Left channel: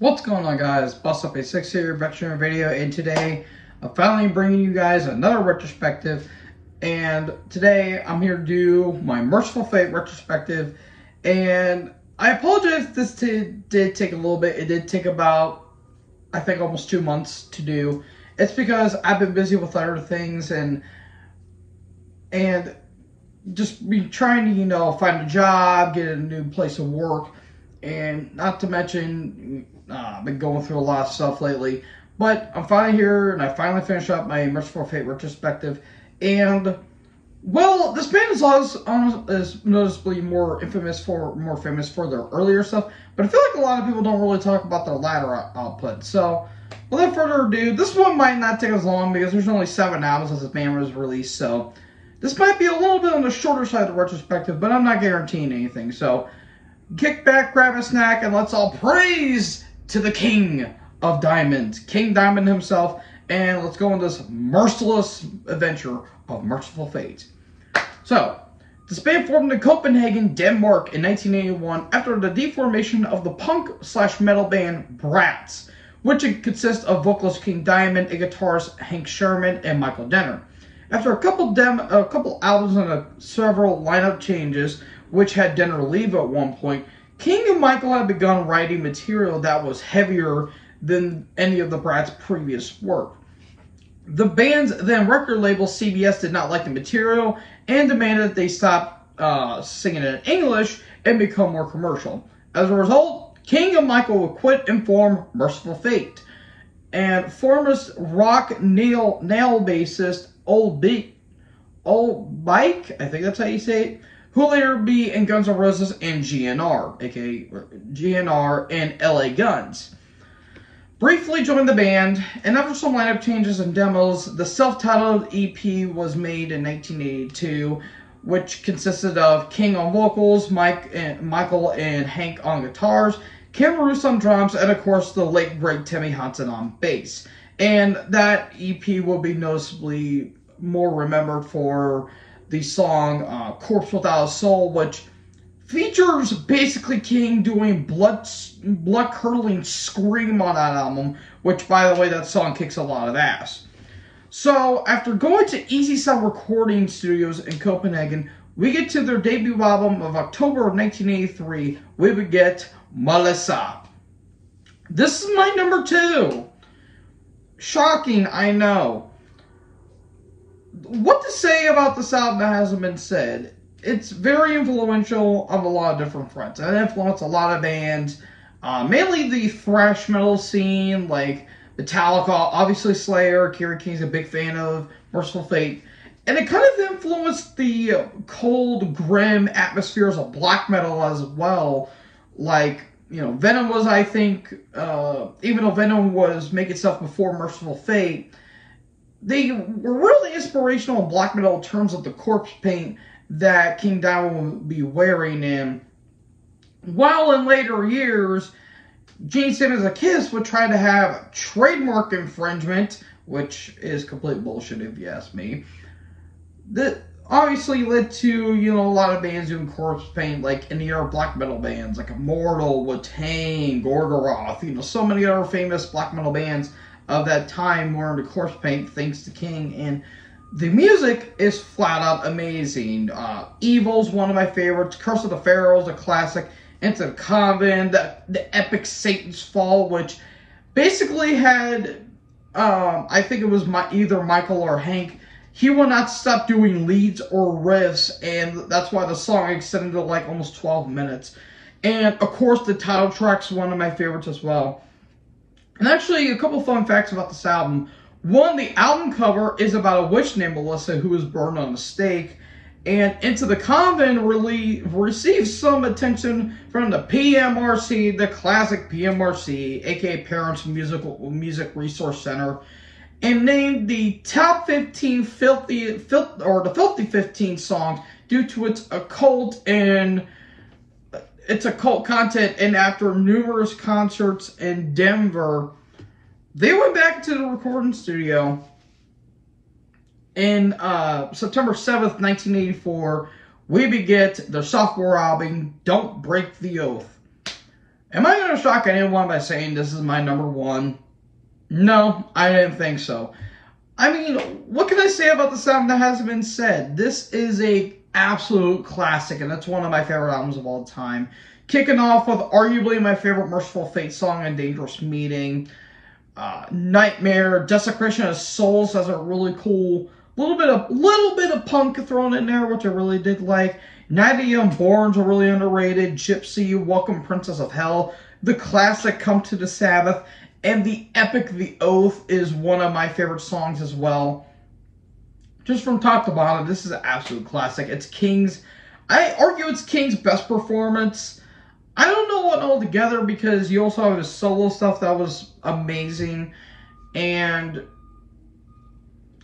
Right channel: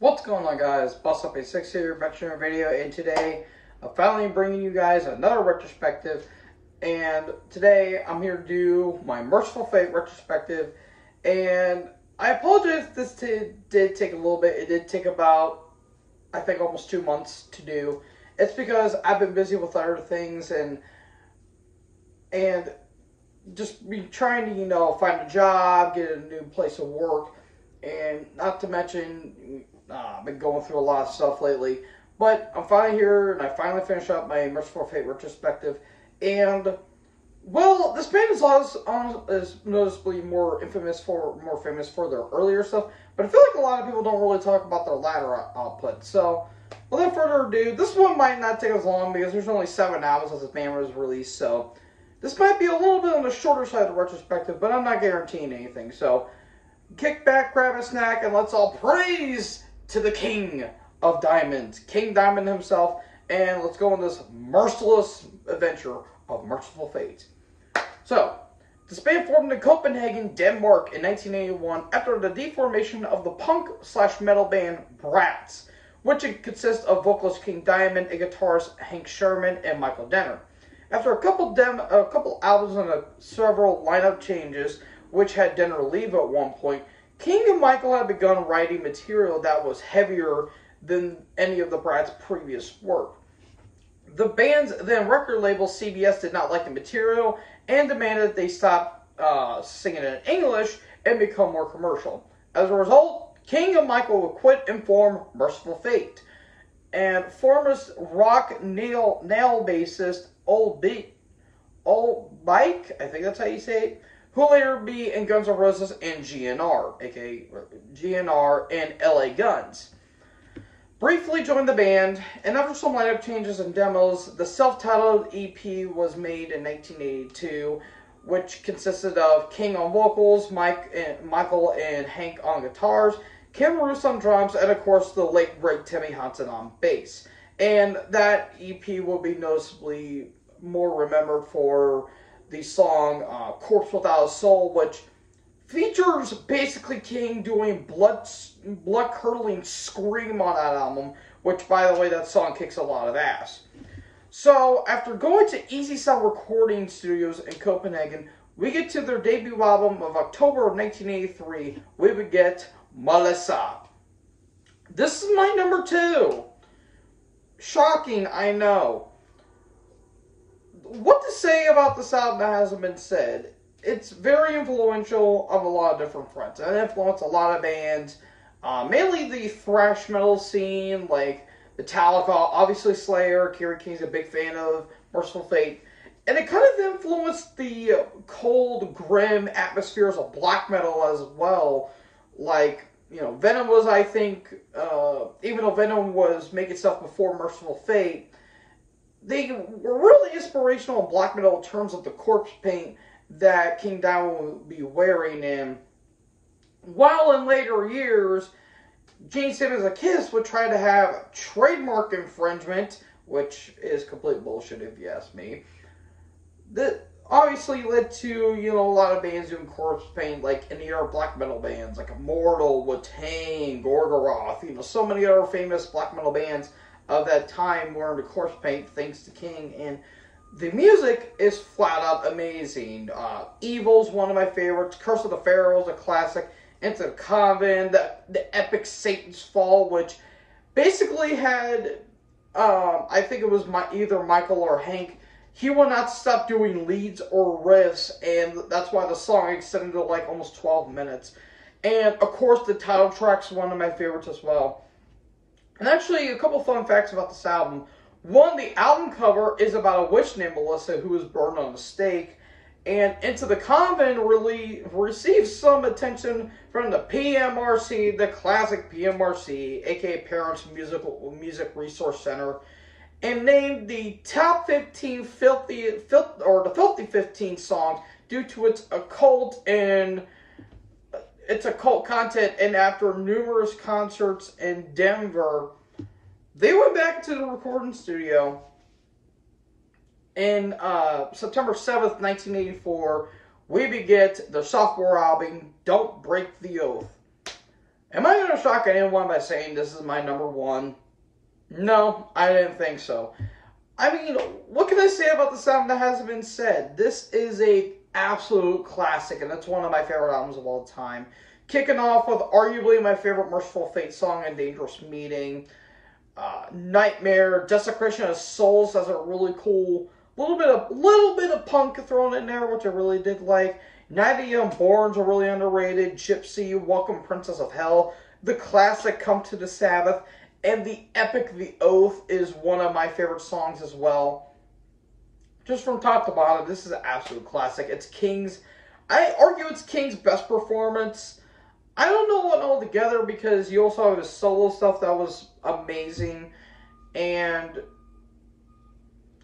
What's going on, guys? Bust Up a 6 here, back to another video, and today I'm finally bringing you guys another retrospective. And today I'm here to do my Mercyful Fate retrospective. And I apologize if this did take a little bit. It did take about, I think, almost 2 months to do. It's because I've been busy with other things and just be trying to, find a job, get a new place of work, and not to mention, I've been going through a lot of stuff lately. But I'm finally here, and I finally finished up my Mercyful Fate retrospective. And, well, this band is noticeably more famous for their earlier stuff, but I feel like a lot of people don't really talk about their latter output. So, without further ado, this one might not take as long because there's only 7 albums as this band was released, so this might be a little bit on the shorter side of the retrospective, but I'm not guaranteeing anything. So, kick back, grab a snack, and let's all praise to the King of Diamonds, King Diamond himself, and let's go on this merciless adventure of Mercyful Fate. So, this band formed in Copenhagen, Denmark in 1981 after the deformation of the punk/metal band Brats, which consists of vocalist King Diamond and guitarist Hank Sherman and Michael Denner. After a couple albums and several lineup changes, which had Denner leave at one point, King and Michael had begun writing material that was heavier than any of the Brats' previous work. The band's then record label, CBS, did not like the material and demanded that they stop singing in English and become more commercial. As a result, King and Michael would quit and form Mercyful Fate. And former rock nail bassist Old Bike, I think that's how you say it, who will later be in Guns N' Roses and GNR, aka GNR and LA Guns. Briefly joined the band, and after some lineup changes and demos, the self-titled EP was made in 1982, which consisted of King on vocals, Michael and Hank on guitars, Kim Roos on drums, and of course the late great Timmy Hansen on bass. And that EP will be noticeably more remembered for the song Corpse Without a Soul, which features basically King doing blood-curdling scream on that album, which, by the way, that song kicks a lot of ass. So, after going to Easy Sound Recording Studios in Copenhagen, we get to their debut album of October of 1983. We would get Melissa. This is my number 2. Shocking, I know. What to say about this album that hasn't been said? It's very influential on a lot of different fronts. It influenced a lot of bands, mainly the thrash metal scene, like Metallica, obviously Slayer. Kerry King's a big fan of Mercyful Fate. And it kind of influenced the cold, grim atmospheres of black metal as well. Like, Venom was, I think, even though Venom was making stuff before Mercyful Fate, they were really inspirational in black metal in terms of the corpse paint that King Diamond would be wearing. And while in later years, Gene Simmons of Kiss would try to have trademark infringement, which is complete bullshit if you ask me, that obviously led to, a lot of bands doing corpse paint, like any other black metal bands, like Immortal, Wu-Tang, Gorgoroth, so many other famous black metal bands of that time were into corpse paint, thanks to King. And the music is flat out amazing. Evil's one of my favorites. Curse of the Pharaoh's a classic. Into the Convent, the epic Satan's Fall, which basically had, I think it was either Michael or Hank. He would not stop doing leads or riffs, and that's why the song extended to like almost 12 minutes. And of course, the title track's one of my favorites as well. And actually, a couple fun facts about this album. One, the album cover is about a witch named Melissa who was burned on a stake. And Into the Convent really received some attention from the PMRC, the classic PMRC, aka Parents Music Resource Center, and named the top 15 Filthy 15 songs due to its occult content. And after numerous concerts in Denver, they went back to the recording studio in September 7th, 1984. We beget their sophomore album, Don't Break the Oath. Am I going to shock anyone by saying this is my number one? No, I didn't think so. I mean, what can I say about the song that hasn't been said? This is a absolute classic, and it's one of my favorite albums of all time. Kicking off with arguably my favorite Mercyful Fate song, "A Dangerous Meeting." Nightmare, Desecration of Souls has a really cool little bit of punk thrown in there, which I really did like. Night of the Unborn's are really underrated. Gypsy, Welcome Princess of Hell, the classic Come to the Sabbath, and the epic The Oath is one of my favorite songs as well. Just from top to bottom, this is an absolute classic. It's King's, I argue it's King's best performance. I don't know what altogether, because you also have his solo stuff that was amazing, and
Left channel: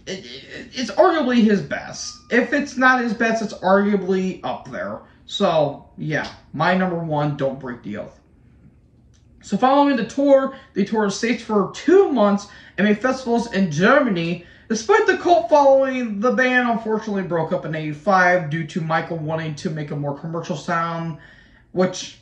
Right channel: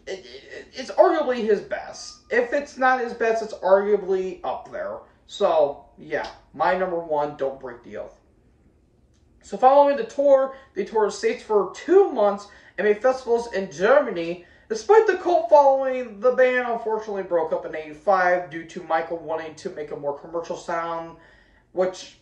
it's arguably his best. If it's not his best, it's arguably up there. So, yeah, my number one, Don't Break the Oath. So following the tour, they toured states for 2 months and made festivals in Germany. Despite the cult following, the band unfortunately broke up in '85 due to Michael wanting to make a more commercial sound, which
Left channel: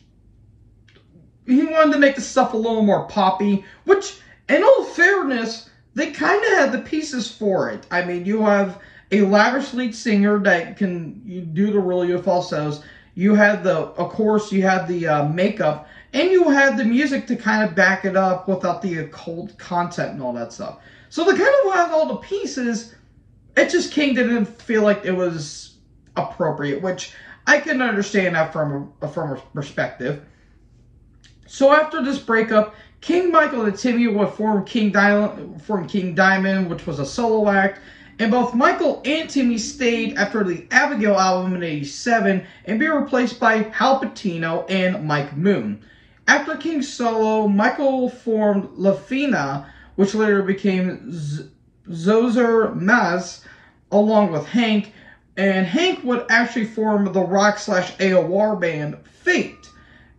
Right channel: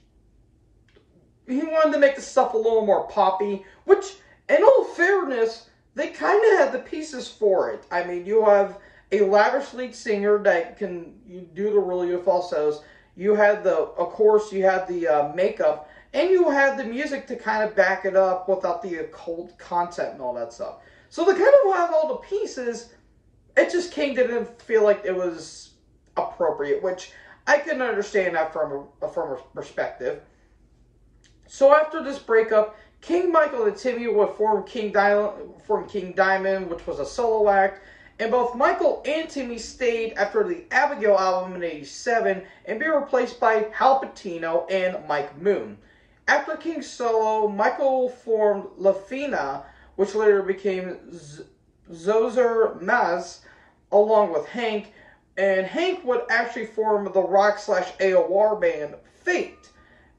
he wanted to make the stuff a little more poppy, which, in all fairness, they kind of had the pieces for it. I mean, you have a lavish lead singer that can do the really good falsettos. You had of course, you had the makeup, and you had the music to kind of back it up without the occult content and all that stuff. So they kind of had all the pieces. It just King didn't feel like it was appropriate, which I can understand that from a perspective. So after this breakup, King, Michael, and Timmy would form King Diamond, which was a solo act, and both Michael and Timmy stayed after the Abigail album in '87 and be replaced by Hal Patino and Mike Moon. After King's solo, Michael formed La Fina, which later became Zozer Maz, along with Hank, and Hank would actually form the rock/AOR band Fate.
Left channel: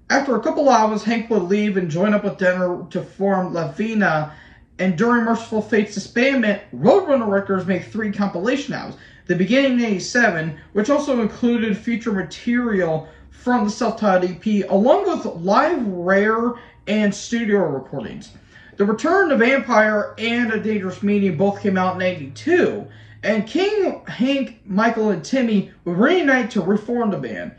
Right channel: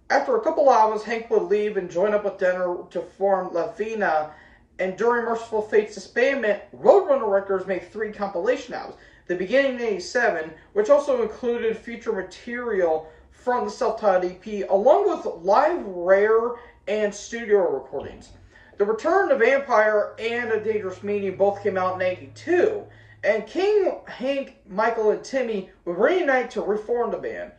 After a couple hours, Hank would leave and join up with Denner to form La Fina, and during Mercyful Fate's disbandment, Roadrunner Records made 3 compilation albums. The beginning in '87, which also included feature material from the self-titled EP, along with live rare and studio recordings. The Return to Vampire and A Dangerous Meeting both came out in '82, and King, Hank, Michael, and Timmy would reunite to reform the band,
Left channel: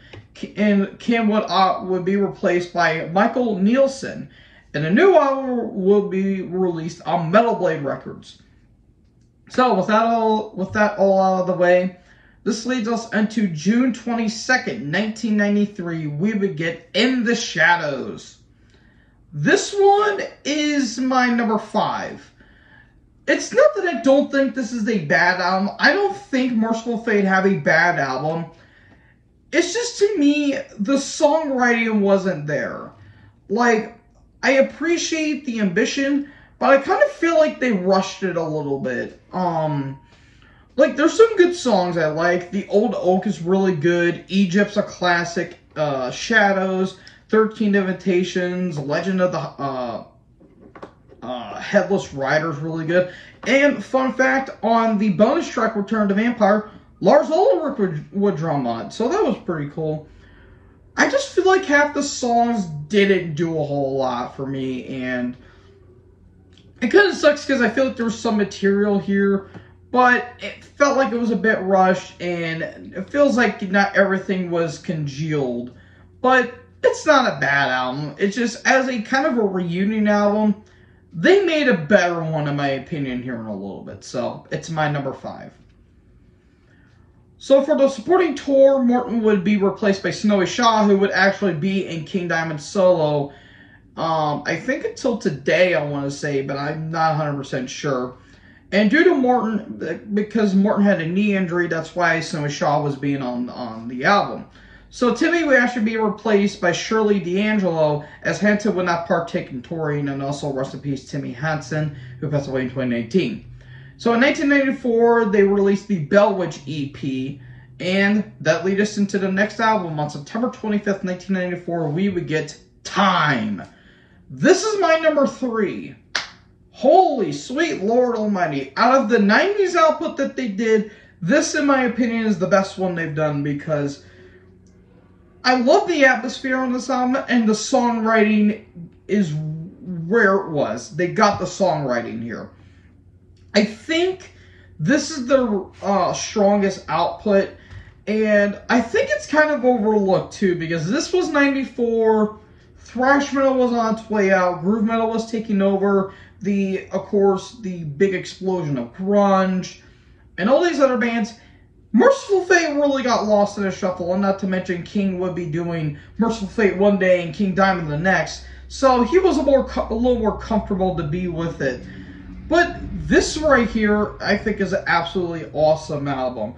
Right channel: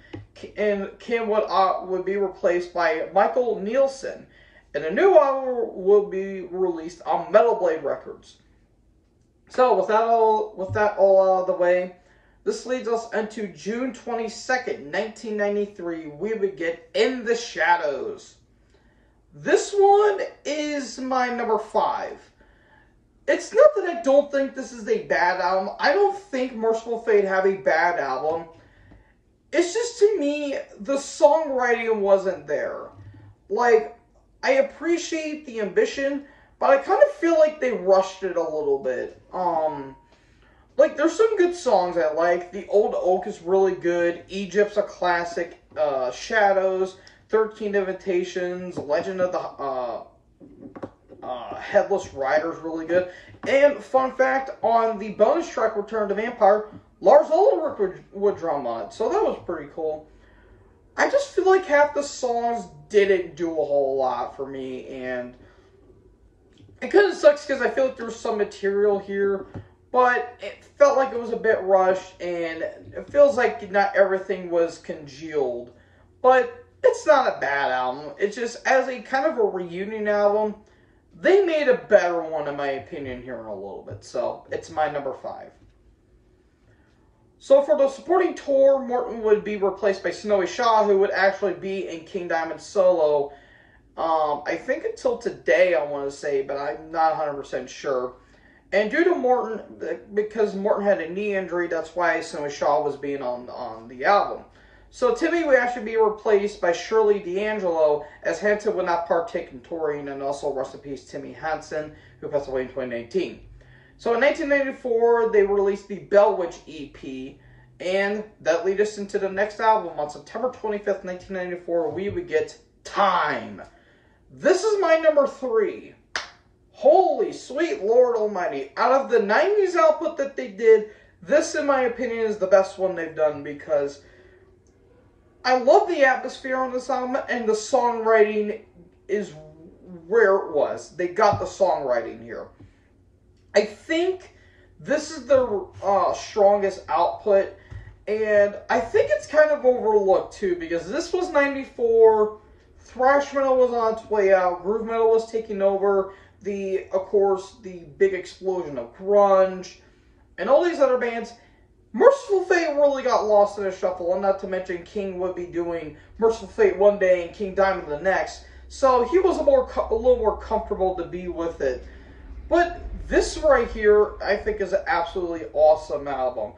and Kim would be replaced by Michael Nielsen, and a new album will be released on Metal Blade Records. So with that all out of the way, this leads us into June 22nd, 1993. We would get In the Shadows. This one is my number 5. It's not that I don't think this is a bad album. I don't think Mercyful Fate have a bad album. It's just, to me, the songwriting wasn't there. Like, I appreciate the ambition, but I kind of feel like they rushed it a little bit. Like, there's some good songs I like. The Old Oak is really good. Egypt's a classic. Shadows, 13 Invitations, Legend of the Headless Rider is really good. And, fun fact, on the bonus track Return to Vampire, Lars Ulrich would drum on it, so that was pretty cool. I just feel like half the songs didn't do a whole lot for me, and it kind of sucks because I feel like there was some material here, but it felt like it was a bit rushed, and it feels like not everything was congealed. But it's not a bad album. It's just, as a kind of a reunion album, they made a better one, in my opinion, here in a little bit. So, it's my number 5. So for the supporting tour, Morton would be replaced by Snowy Shaw, who would actually be in King Diamond solo, I think until today, I want to say, but I'm not 100% sure. And due to Morton, because Morton had a knee injury, that's why Snowy Shaw was being on the album. So Timmy would actually be replaced by Shirley D'Angelo, as Hanson would not partake in touring, and also rest in peace Timmy Hansen, who passed away in 2019. So in 1994, they released the Bell Witch EP, and that led us into the next album. On September 25th, 1994, we would get Time. This is my number 3. Holy sweet Lord Almighty. Out of the 90s output that they did, this, in my opinion, is the best one they've done, because I love the atmosphere on this album, and the songwriting is where it was. They got the songwriting here. I think this is their strongest output, and I think it's kind of overlooked too, because this was 94, thrash metal was on its way out, groove metal was taking over, of course, the big explosion of grunge, and all these other bands. Mercyful Fate really got lost in the shuffle, and not to mention King would be doing Mercyful Fate one day and King Diamond the next, so he was a little more comfortable to be with it. But this right here, I think, is an absolutely awesome album.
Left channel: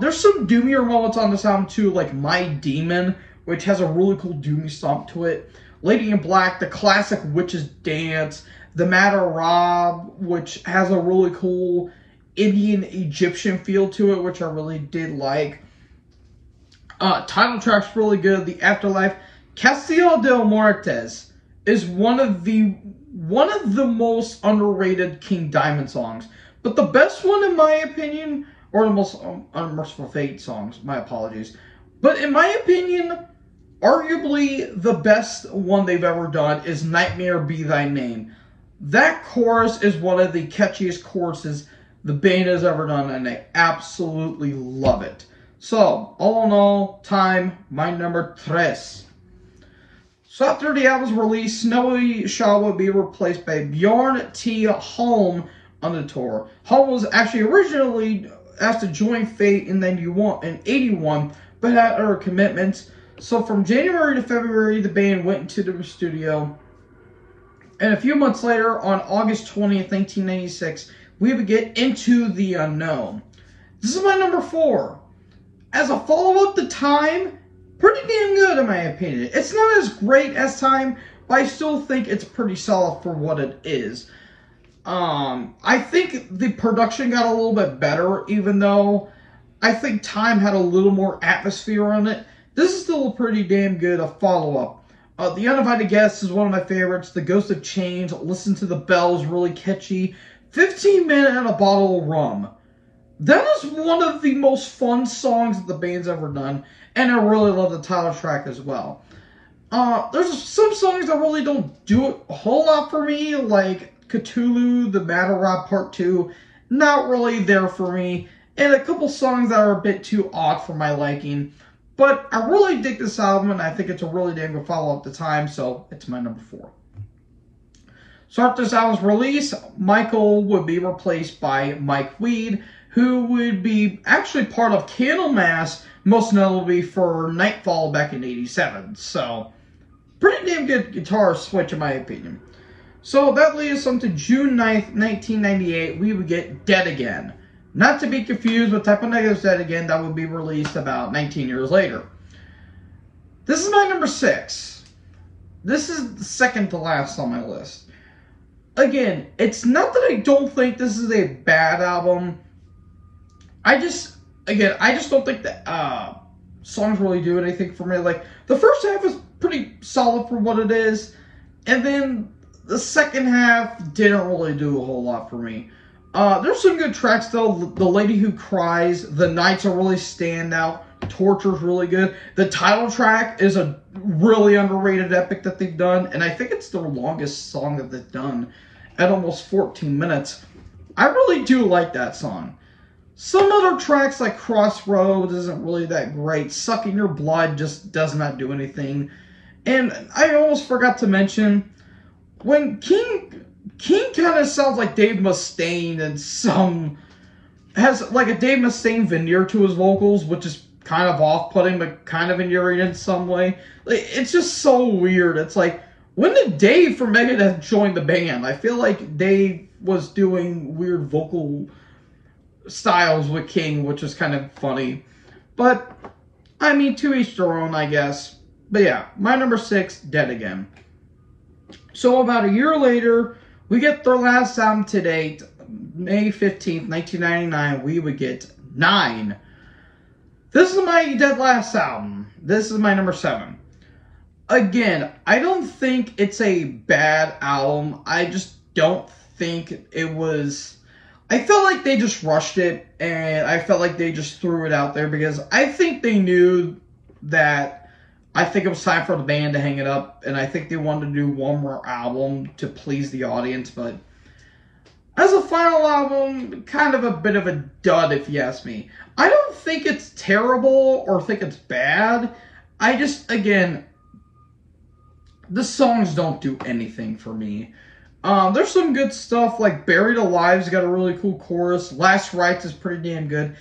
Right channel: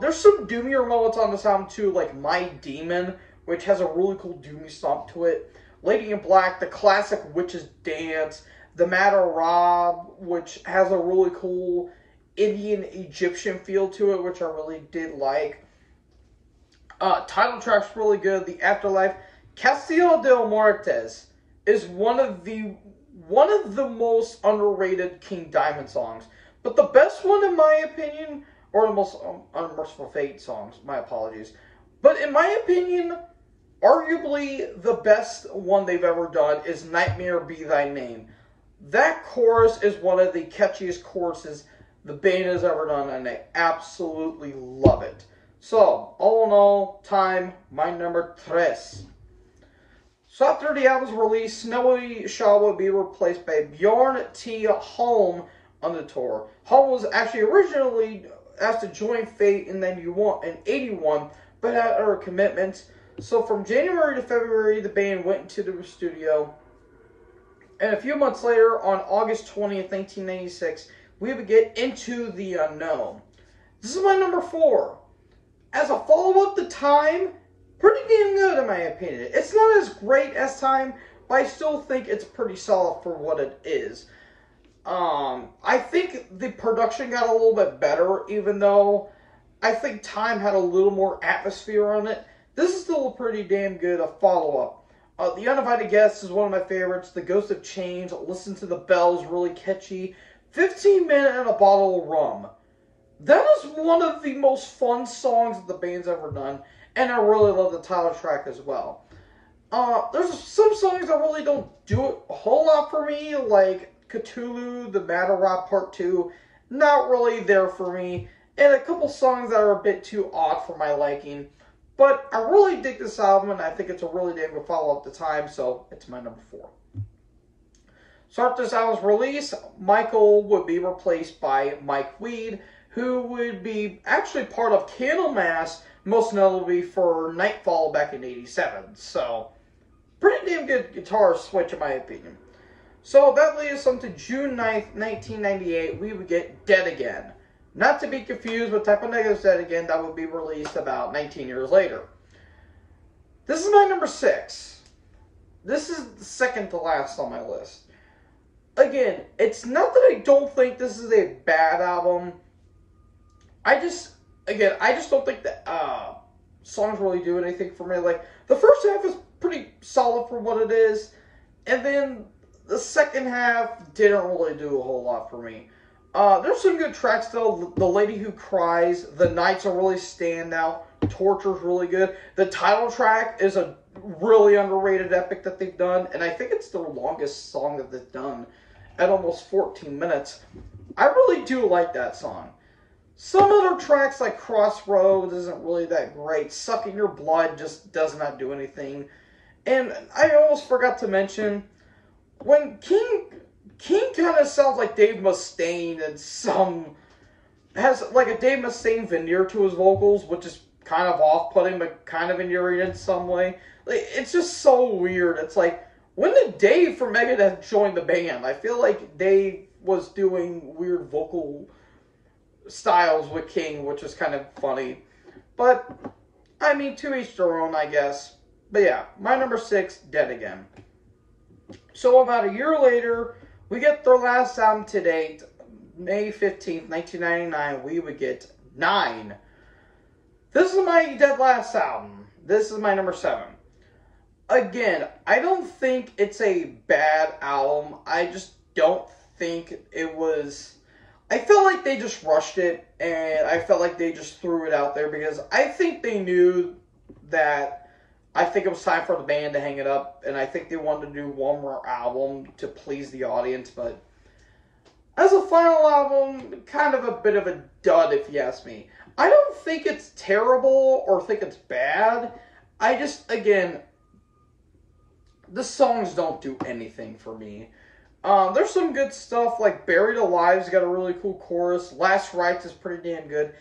There's some doomier moments on this album too, like My Demon, which has a really cool doomy stomp to it. Lady in Black, the classic Witch's Dance, The Matter Rob, which has a really cool Indian Egyptian feel to it, which I really did like. Title track's really good. The Afterlife. Castillo del Muertes is one of the most underrated King Diamond songs. But the best one, in my opinion, or the most Unmerciful Fate songs, my apologies. But in my opinion, arguably the best one they've ever done is Nightmare Be Thy Name. That chorus is one of the catchiest choruses the band has ever done, and I absolutely love it. So, all in all, Time, my number 3. So after the album's release, Snowy Shaw will be replaced by Bjorn T. Holm on the tour. Holm was actually originally asked to join Fate in 81, but had other commitments. So from January to February, the band went into the studio. And a few months later, on August 20th, 1996, we would get Into the Unknown. This is my number 4. As a follow-up to Time, pretty damn good in my opinion. It's not as great as Time, but I still think it's pretty solid for what it is. I think the production got a little bit better, even though I think Time had a little more atmosphere on it. This is still a pretty damn good follow-up. The Uninvited Guest is one of my favorites. The Ghost of Change, Listen to the Bells, really catchy. 15 Minutes and a Bottle of Rum. That is one of the most fun songs that the band's ever done, and I really love the title track as well. There's some songs that really don't do a whole lot for me, like Cthulhu, The Matter Rob Part 2, not really there for me, and a couple songs that are a bit too odd for my liking. But I really dig this album, and I think it's a really damn good follow-up to Time, so it's my number 4. So after this album's release, Michael would be replaced by Mike Weed, who would be actually part of Candlemass, most notably for Nightfall back in 87. So, pretty damn good guitar switch in my opinion. So that leads us on to June 9th, 1998, we would get Dead Again. Not to be confused with Type O Negative's Dead Again, that would be released about 19 years later. This is my number 6. This is the second to last on my list. Again, it's not that I don't think this is a bad album. I just don't think that songs really do anything for me. Like, the first half is pretty solid for what it is, and then the second half didn't really do a whole lot for me. There's some good tracks, though. The Lady Who Cries, The Nights are really stand out. Torture's really good. The title track is a really underrated epic that they've done, and I think it's their longest song that they've done at almost 14 minutes. I really do like that song. Some other tracks like Crossroads isn't really that great. Sucking Your Blood just does not do anything. And I almost forgot to mention, when King kind of sounds like Dave Mustaine, and has like a Dave Mustaine veneer to his vocals, which is kind of off-putting, but kind of endearing in some way. Like, it's just so weird. It's like, when did Dave from Megadeth join the band? I feel like Dave was doing weird vocal styles with King, which is kind of funny. But, I mean, to each their own, I guess. But yeah, my number 6, Dead Again. So about a year later, we get their last album to date, May 15th, 1999, we would get 9. This is my dead last album. This is my number 7. Again, I don't think it's a bad album. I just don't think it was... I felt like they just rushed it, and I felt like they just threw it out there, because I think they knew that I think it was time for the band to hang it up, and I think they wanted to do one more album to please the audience, but as a final album, kind of a bit of a dud if you ask me. I don't think it's terrible or think it's bad. I just, again, the songs don't do anything for me. There's some good stuff, like Buried Alive's got a really cool chorus. Last Rites is pretty damn good.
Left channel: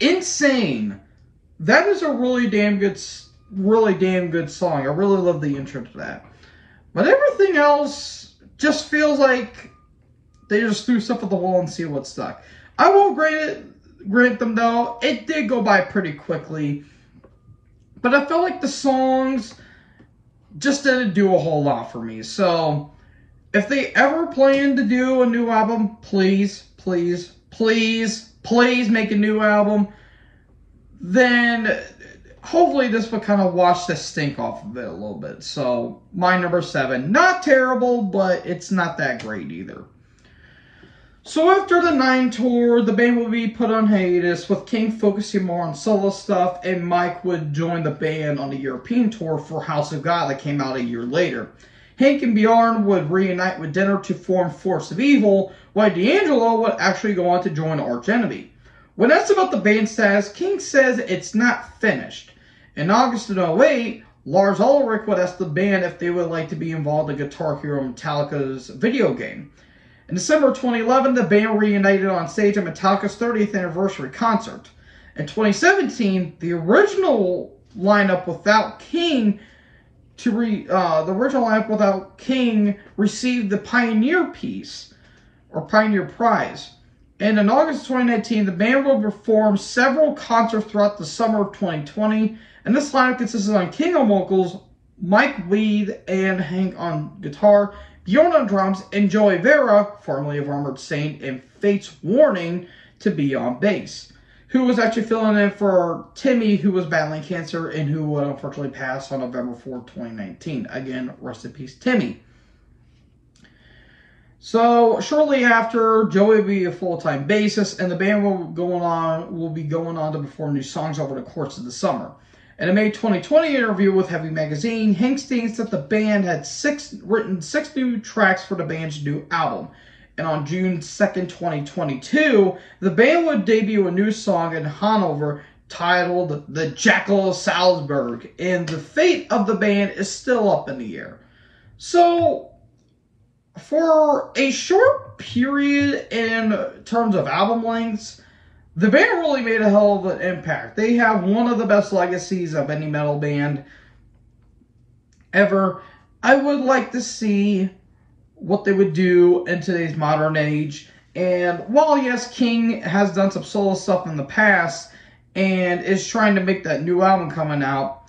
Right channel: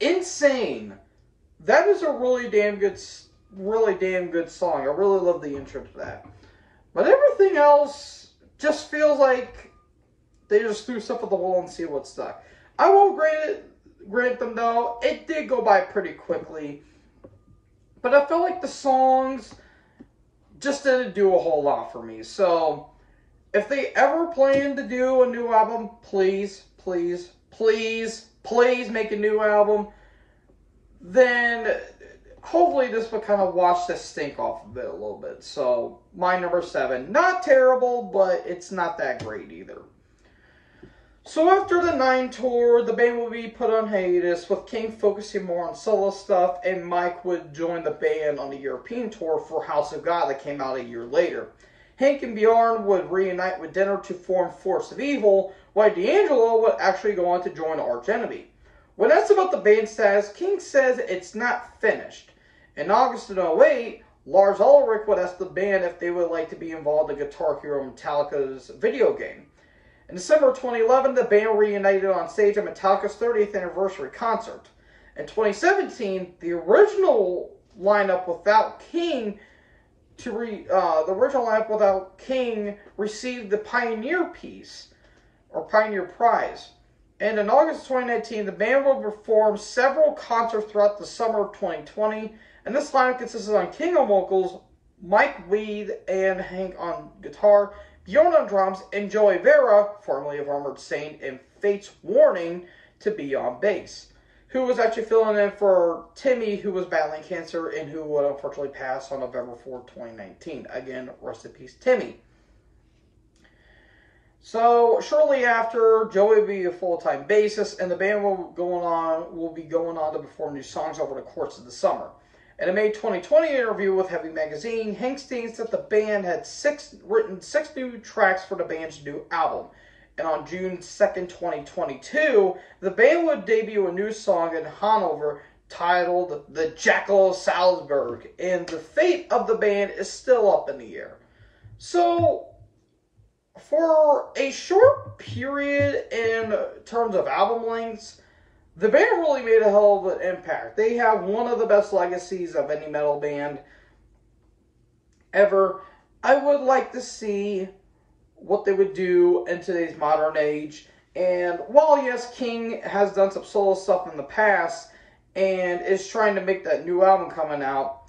Insane. That is a really damn good song. I really love the intro to that. But everything else just feels like they just threw stuff at the wall and see what stuck. I won't grant them though. It did go by pretty quickly. But I felt like the songs just didn't do a whole lot for me. So, if they ever plan to do a new album, please, please, please, please make a new album. Then, hopefully this will kind of wash the stink off of it a little bit. So, my number 7. Not terrible, but it's not that great either. So after the 9 tour, the band will be put on hiatus, with King focusing more on solo stuff, and Mike would join the band on the European tour for House of God that came out a year later. Hank and Bjorn would reunite with Dinner to form Force of Evil, while D'Angelo would actually go on to join Arch Enemy. When asked about the band status, King says it's not finished. In August of 2008, Lars Ulrich would ask the band if they would like to be involved in Guitar Hero Metallica's video game. In December 2011, the band reunited on stage at Metallica's 30th anniversary concert. In 2017, the original lineup without King received the Pioneer Piece, or Pioneer Prize. And in August 2019, the band will perform several concerts throughout the summer of 2020. And this lineup consisted on King on vocals, Mike lead, and Hank on guitar, Bjorn on drums, and Joey Vera, formerly of Armored Saint, and Fate's Warning, to be on bass, who was actually filling in for Timmy, who was battling cancer and who unfortunately passed on November 4, 2019. Again, rest in peace, Timmy. So, shortly after, Joey will be a full-time bassist, and the band will be going on to perform new songs over the course of the summer. In a May 2020 interview with Heavy Magazine, Hank states that the band had written 6 new tracks for the band's new album. And on June 2nd, 2022, the band would debut a new song in Hanover titled The Jackal of Salzburg, and the fate of the band is still up in the air. So, for a short period in terms of album lengths, the band really made a hell of an impact. They have one of the best legacies of any metal band ever. I would like to see what they would do in today's modern age. And while, yes, King has done some solo stuff in the past and is trying to make that new album coming out,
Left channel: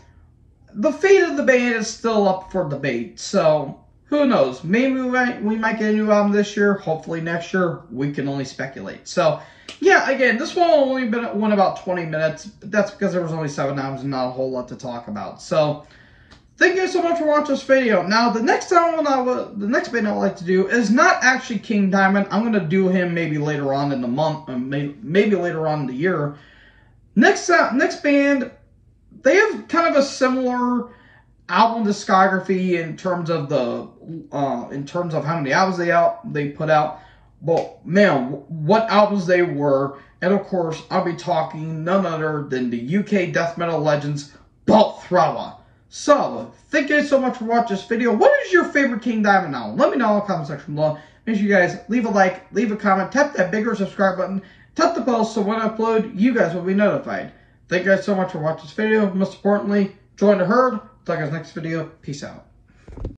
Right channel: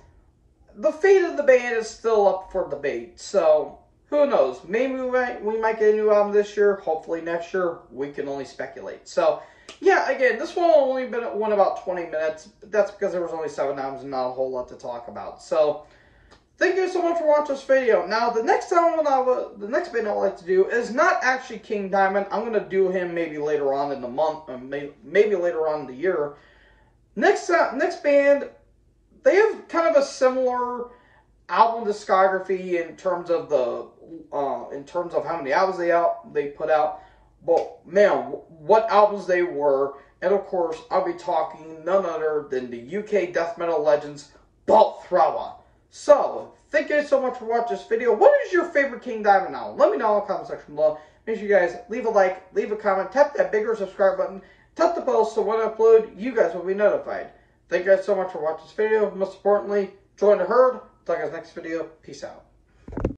the fate of the band is still up for debate. So, who knows? Maybe we might get a new album this year. Hopefully next year. We can only speculate. So, yeah, again, this one only went about 20 minutes. But that's because there was only 7 albums and not a whole lot to talk about. So, thank you so much for watching this video. Now, the next band I would like to do is not actually King Diamond. I'm going to do him maybe later on in the month, or maybe later on in the year. Next band, they have kind of a similar album discography in terms of how many albums they put out. But man, what albums they were! And of course, I'll be talking none other than the UK death metal legends, Bolt Thrower. So, thank you so much for watching this video. What is your favorite King Diamond album? Let me know in the comment section below. Make sure you guys leave a like, leave a comment, tap that bigger subscribe button, tap the bell so when I upload, you guys will be notified. Thank you guys so much for watching this video. Most importantly, join the herd. Talk to you guys next video. Peace out.